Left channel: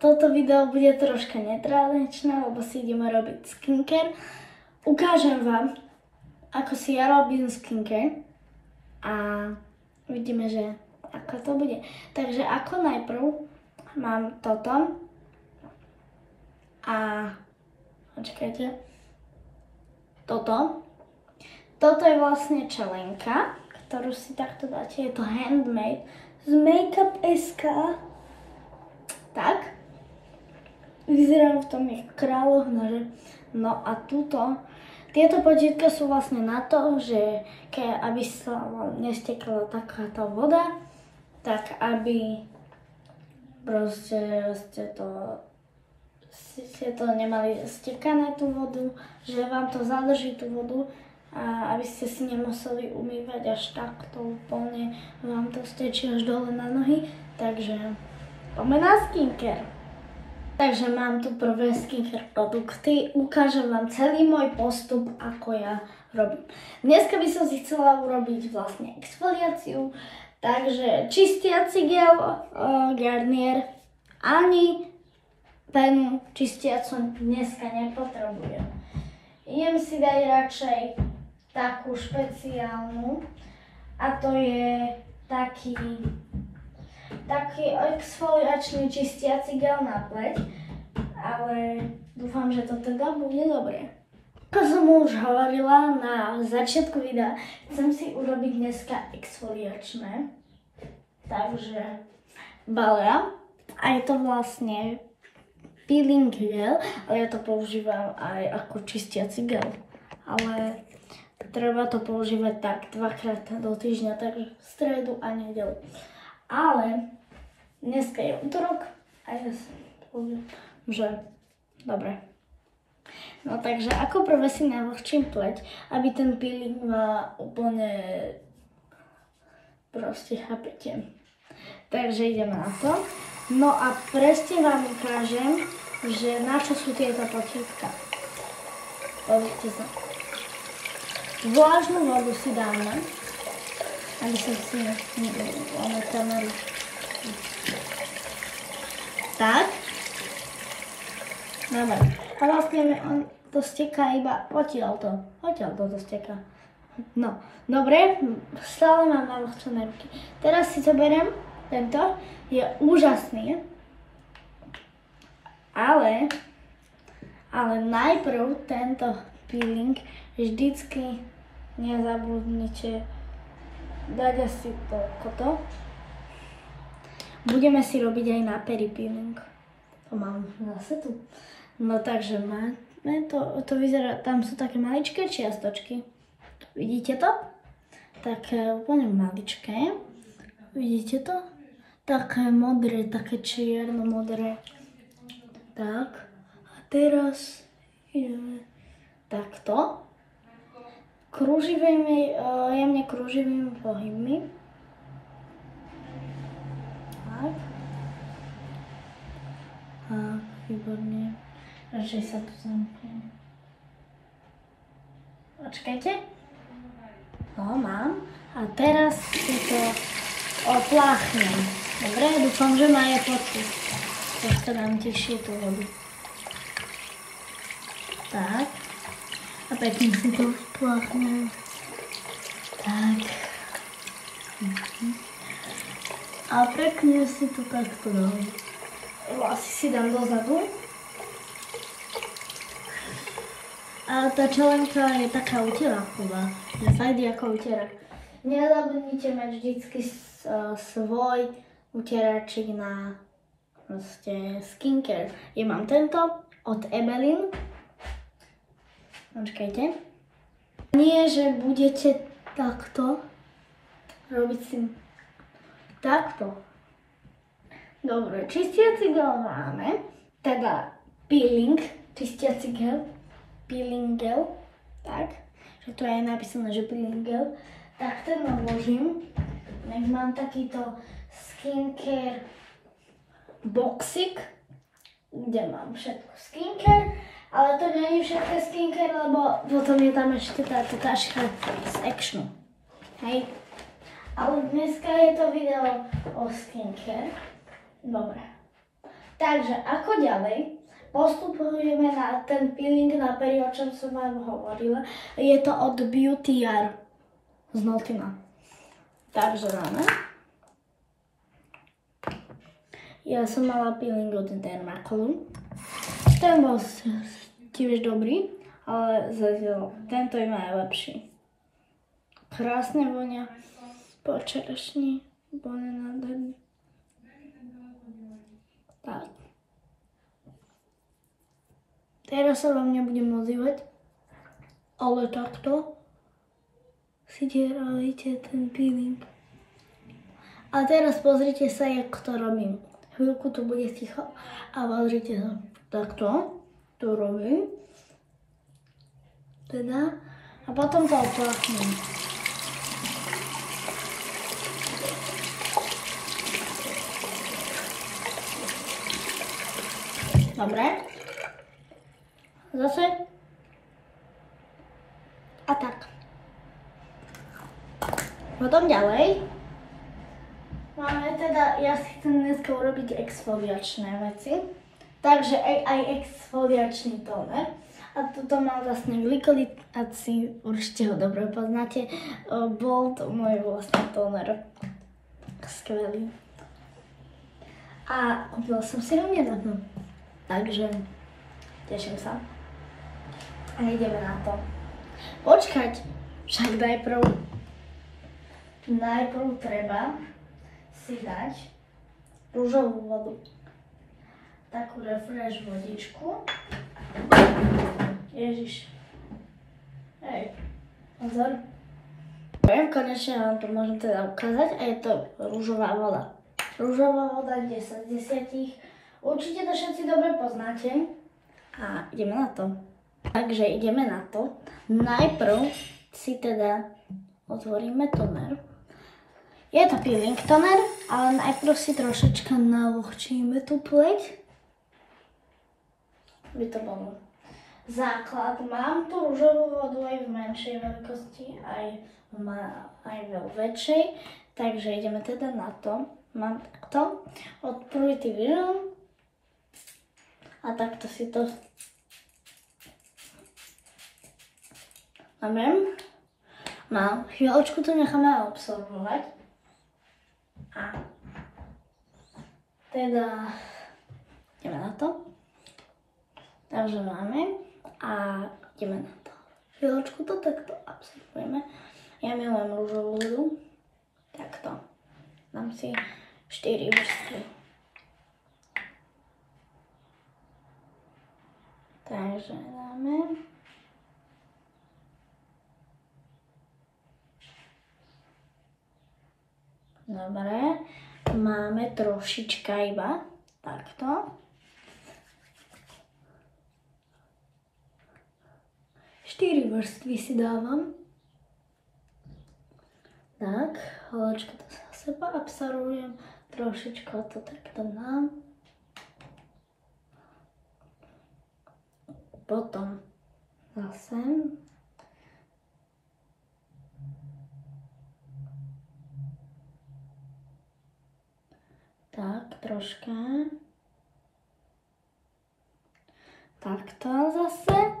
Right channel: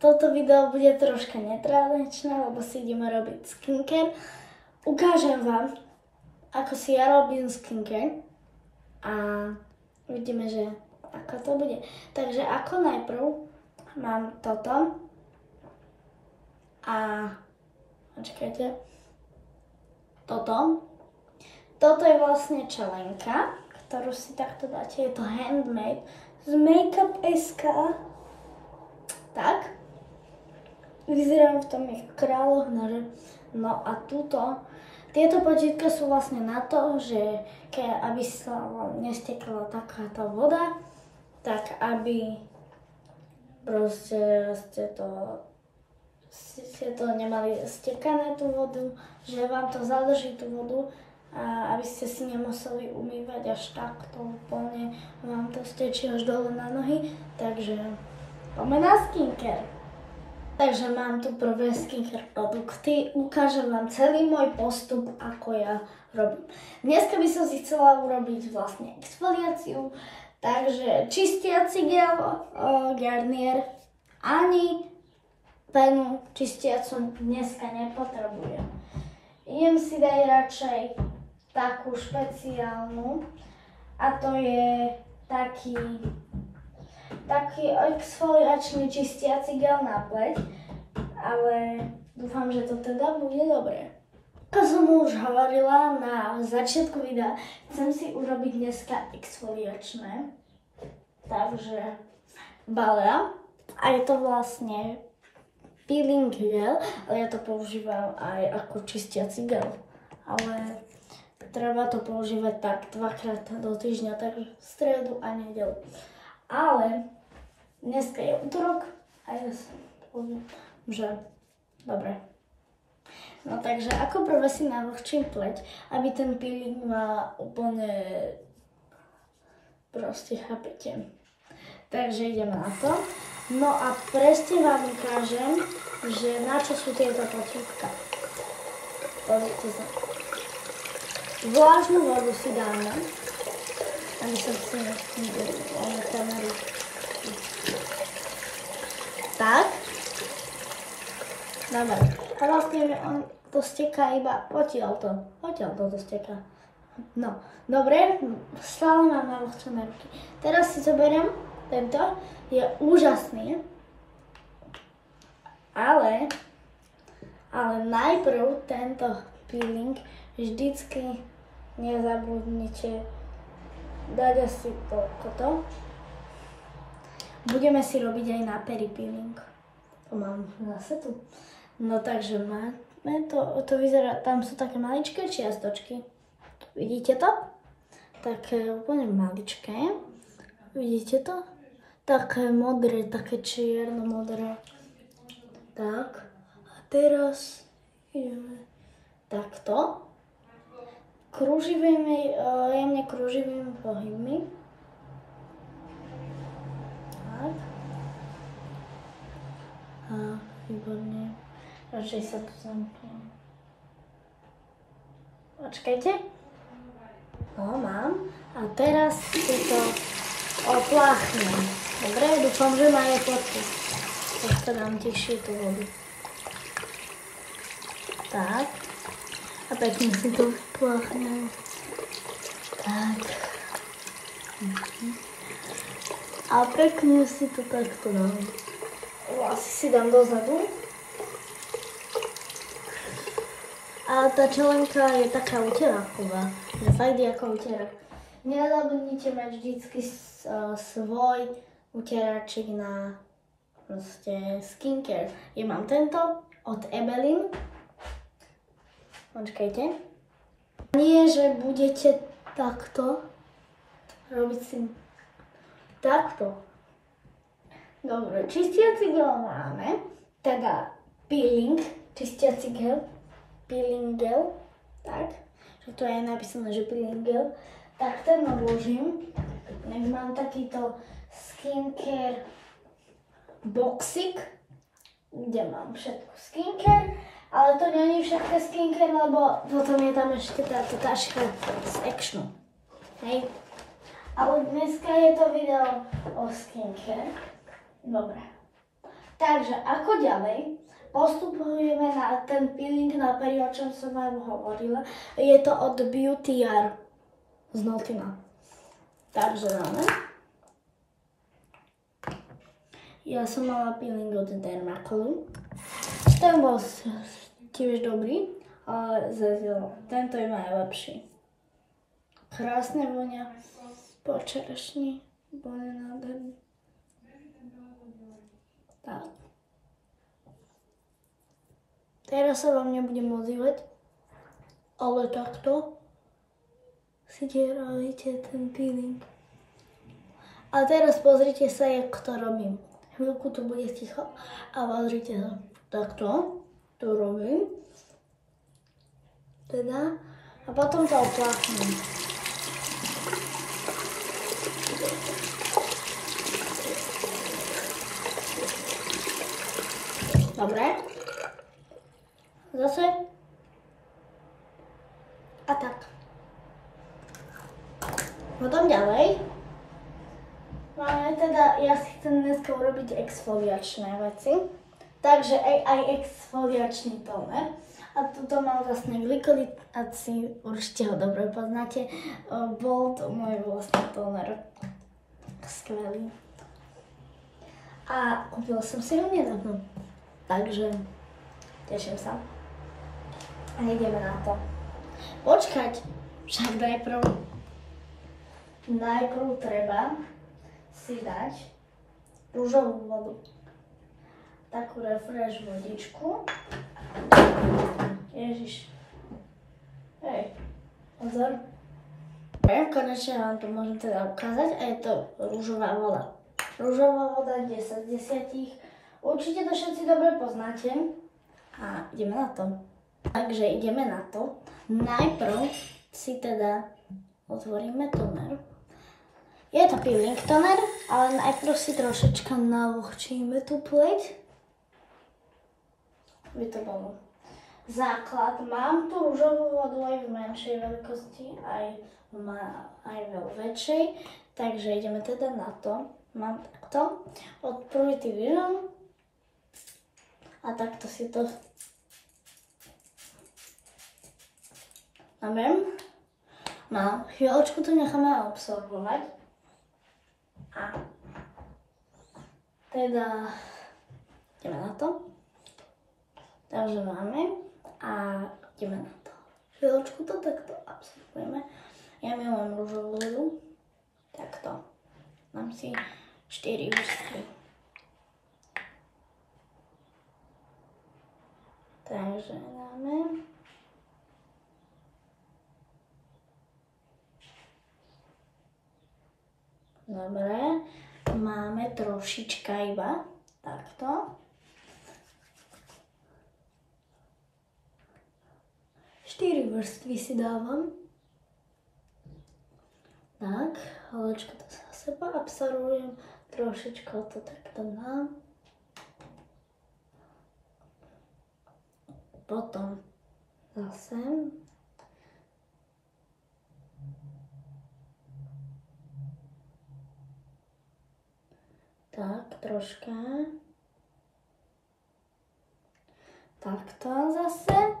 toto video bude troška netradičné, lebo si ideme robiť skincare. Ukážem vám, ako si ja robím skincare a uvidíme, že ako to bude. Takže ako najprv mám toto a počkajte, toto je vlastne čelenka, ktorú si takto dáte, je to handmade z Makeup.sk. Tak. Vyzerajú v tom ich kráľoch nože. No a tieto potítka sú vlastne na to, že aby sa nestekala takáto voda, tak aby proste ste to nemali stekané tú vodu, že vám to zadrží tú vodu a aby ste si nemuseli umývať až takto úplne, vám to stečí až dole na nohy, takže poďme na skincare. Takže mám tu prvé skincare produkty, ukážem vám celý môj postup, ako ja robím. Dneska by som si chcela urobiť vlastne exfoliáciu, takže čistiaci gel Garnier, ani penu čistiacu dneska nepotrebujem. Idem si dať radšej takú špeciálnu a to je taký exfoliačný čistiaci gel na pleť, ale dúfam, že to teda bude dobré. Ako som už hovorila na začiatku videa, chcem si urobiť dneska exfoliačné, takže balea a je to vlastne peeling gel, ale ja to používam aj ako čistiaci gel, ale treba to používať tak 2-krát do týždňa, takže v stredu a nedeľu. Ale dneska je utorok a ja si poviem, že dobre. No takže ako prvé si navlhčím pleť, aby ten peeling ma úplne proste chápete. Takže ideme na to. No a presne vám ukážem, že na čo sú tieto potítka. Pozrite sa. Vlážnu vodu si dáme, aby som si máme kameru. Tak. Dobre. A vlastne to steká iba odtiaľto to steká. No, dobre, stále mám navlhčené ruky. Teraz si zoberiem tento, je úžasný, ale najprv tento peeling vždycky nezabudnite dať asi toto. Budeme si robiť aj na pery peeling. To mám zase tu. No takže to vyzerá, tam sú také maličké čiastočky. Vidíte to? Také úplne maličké. Vidíte to? Také modré, také čierno-modré. Tak. A teraz ideme takto. Jemne krúživými pohybmi. Tak. A výborne. Radšej sa tu zamknem. Počkajte. No, mám. A teraz si to opláchnem. Dobre, dúfam, že má aj fotky. Tak to dám tešie tú vodu. Tak. A pekne si to opláchnem. Tak. A pekne si to takto dám. Vlasy si dám dozadu. A tá čelenka je taká uteráková. Je fajn ako utierák. Nezabudnite mať vždycky svoj utieračik na skincare. Ja mám tento od Ebelin. Počkajte. Nie, že budete takto robiť si takto. Dobre, čistiaci gel máme. Teda peeling, čistiaci gel. Peeling gel. Tak. Že to je napísané, že peeling gel. Tak ten odložím. Tak mám takýto skincare boxik, kde mám všetko skincare, ale to nie je všetko skincare, lebo potom je tam ešte táto taška z Actionu. Hej. Ale dneska je to video o skincare. Dobre. Takže ako ďalej? Postupujeme na ten peeling na pery, o čom som vám hovorila. Je to od Beauty Jar z Notina. Takže dáme. Ja som mala peeling od Dermacolu. Ten bol tiež dobrý, ale tento je najlepší. Krásne vonia po čerešni. Bol nádherný. Tak. Teraz sa vám nebudem ozývať, ale takto si dierajte ten peeling. A teraz pozrite sa, jak to robím. Chvíľku to bude ticho a pozrite sa. Takto to robím. Teda. A potom to opláchnem. Dobre. Zase. A tak. Potom ďalej. Máme teda, ja si chcem dneska urobiť exfoliačné veci. Takže aj exfoliačný tóner. A tuto mám vlastne glykolid-acid, určite ho dobre poznáte. Bol to môj vlastný tóner. Skvelý. A kúpila som si ho nedávno. Takže teším sa. A ideme na to. Počkať, však najprv treba si dať rúžovú vodu. Takú refresh vodičku. Ježiš. Hej, pozor. Konečne vám to môžem teda ukázať a je to rúžová voda. Rúžová voda 10 z 10. Určite to všetci dobre poznáte. A ideme na to. Takže ideme na to. Najprv si teda otvoríme toner. Je to peeling toner, ale najprv si trošička navlhčíme tú pleť. By to bolo. Základ. Mám tu rúžovú vodu aj v menšej veľkosti, aj vo väčšej. Takže ideme teda na to. Mám takto. Od Purity Vision. A takto si to Dobre. No, chvíľočku to necháme absorbovať. A teda ideme na to. Takže máme a ideme na to. Chvíľočku to takto absorbujeme. Ja milujem rúžovú vodu. Takto. Dám si 4 vrstvy. Takže dáme. Dobre, máme trošička iba, takto. 4 vrstvy si dávam. Tak, hločka to za seba absorbujem, trošička to takto dám. Potom zase. Tak, troška. Takto zase.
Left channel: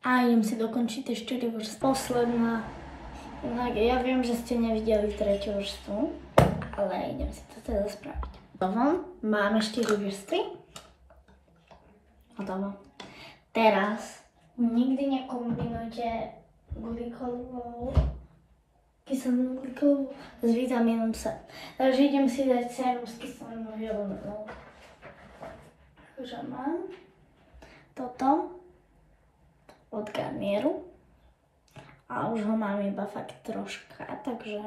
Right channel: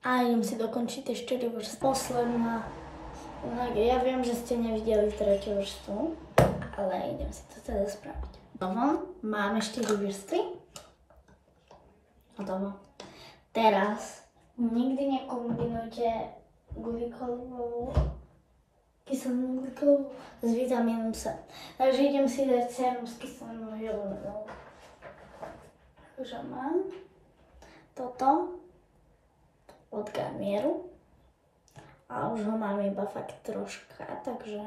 A idem si dokončiť tie 4 vrstvy. Posledná. Ja viem, že ste nevideli tretiu vrstvu, ale idem si to teda spraviť. Hotovo. Máme 4 vrstvy. Hotovo. Teraz nikdy nekombinujte glykolovú kyselinu glykolovú s vitamínom C. Takže idem si dať sérum s kyselinou želenou. Takže mám toto od Garnieru. A už ho mám iba fakt troška, takže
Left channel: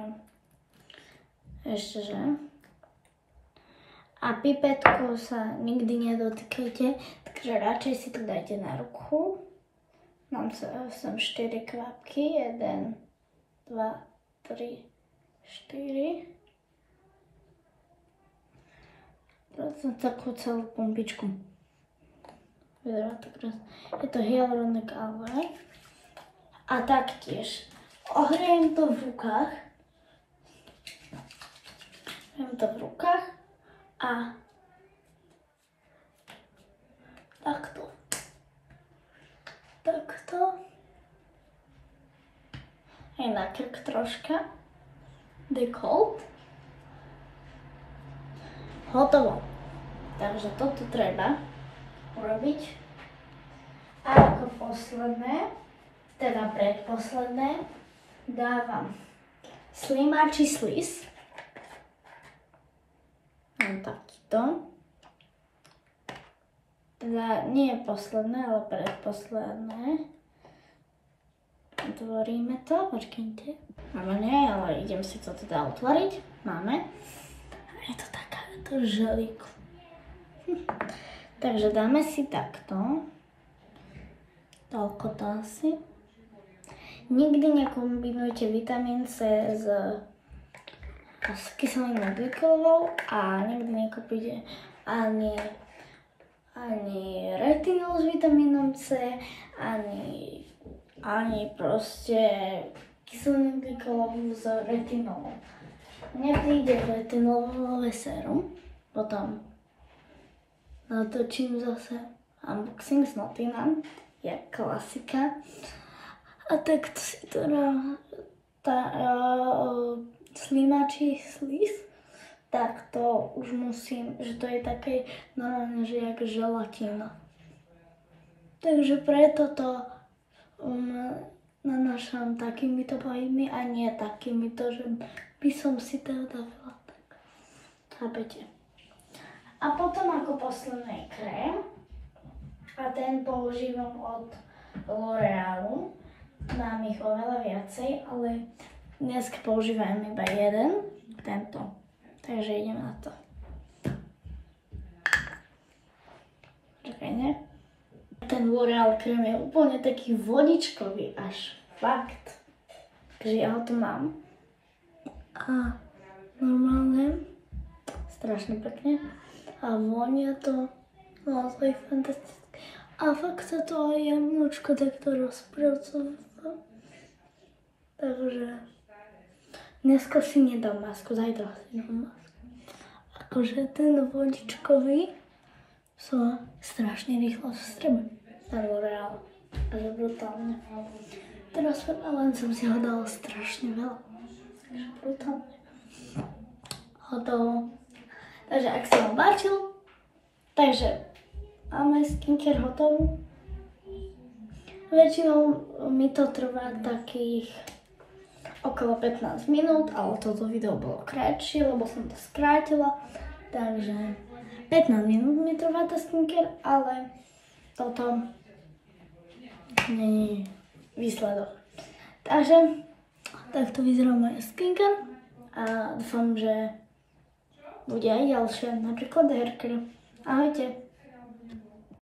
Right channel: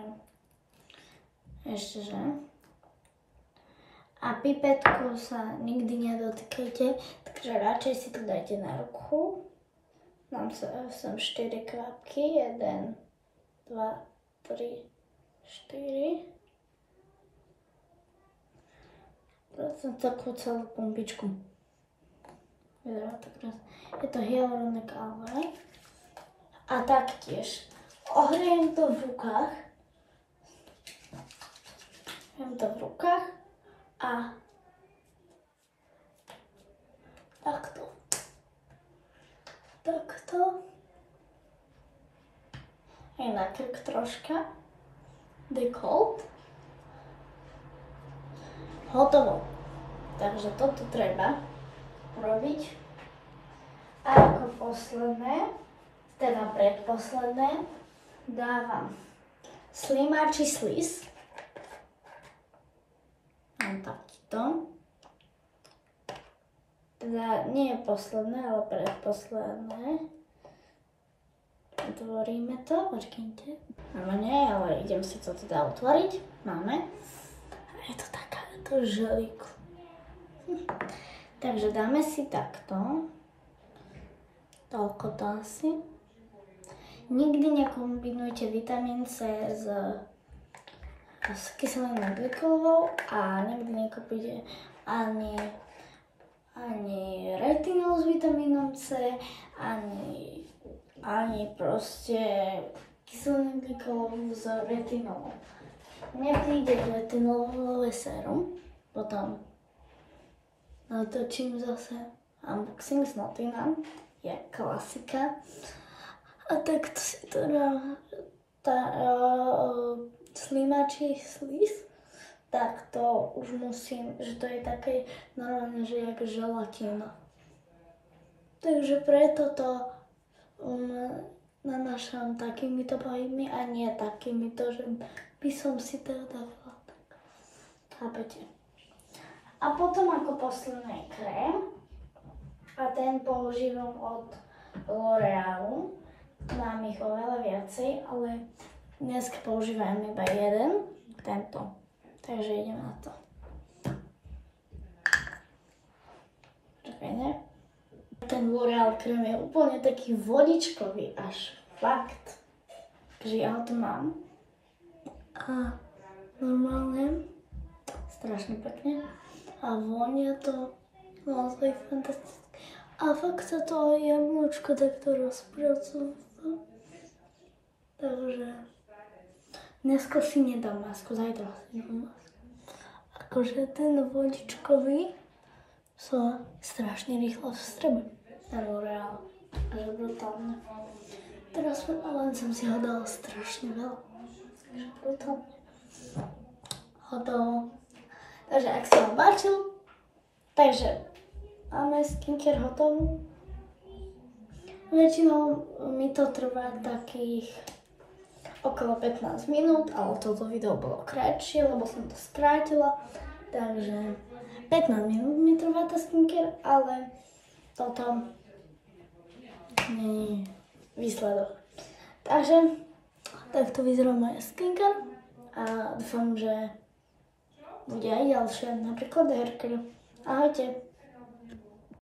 ešte že. A pipetkou sa nikdy nedotýkajte, takže radšej si to dajte na ruku. Mám sem 4 kvapky, 1, 2, 3, 4. Prosím takú celú pumpičku. Vyzerá to krásne. Je to Hyaluronic Aloe. A taktiež ohrejem to v rukách. Ohrejem to v rukách a takto. Aj na krk troška. Dekolt. Hotovo. Takže toto treba urobiť. A ako posledné, teda predposledné, dávam slimáči slis. Mám takýto. Teda nie je posledné, ale predposledné. Otvoríme to, počkajte. Máme nie, ale idem si to teda otvoriť. Máme. Je to takáto želíku. Takže dáme si takto. Toľko to asi. Nikdy nekombinujte vitamín C s kyselinou glykolovou a nikdy nekopíte ani retinol s vitamínom C, ani proste kyselinu glykolovú s retinolom. Nepríde retinolové sérum, potom natočím zase unboxing s Notinam, je klasika. A takto si to slimačí slis, tak to už musím, že to je také normálne, že jak želatína. Takže preto to nanášam takýmito pohybmi a nie takýmito, že by som si to dávala tak. Chápete? A potom ako posledný krém, a ten používam od L'Orealu. Mám ich oveľa viacej, ale dnes používam iba jeden, tento. Takže idem na to. Čakaj, ne? Ten L'Oreal krém je úplne taký vodičkový, až fakt. Takže ja ho tu mám. A normálne, strašne pekne. A vonia to naozaj fantastické. A fakt sa to aj jemnúčko takto rozpracovalo. Takže dneska si nedám masku, zajtra si dám masku. Akože ten vodičkový sa strašne rýchlo vstrebe. Ten L'Oreal. Takže brutálne. Teraz len som si ho dala strašne veľa. Takže brutálne. Hotovo. Takže ak sa vám páčil, takže máme skincare hotovú. Väčšinou mi to trvá takých okolo 15 minút, ale toto video bolo kratšie, lebo som to skrátila. Takže 15 minút mi trvá tá skincare, ale toto nie je výsledok. Takže takto vyzerá moja skincare a dúfam, že bude aj ďalšie, napríklad haircare. Ahojte.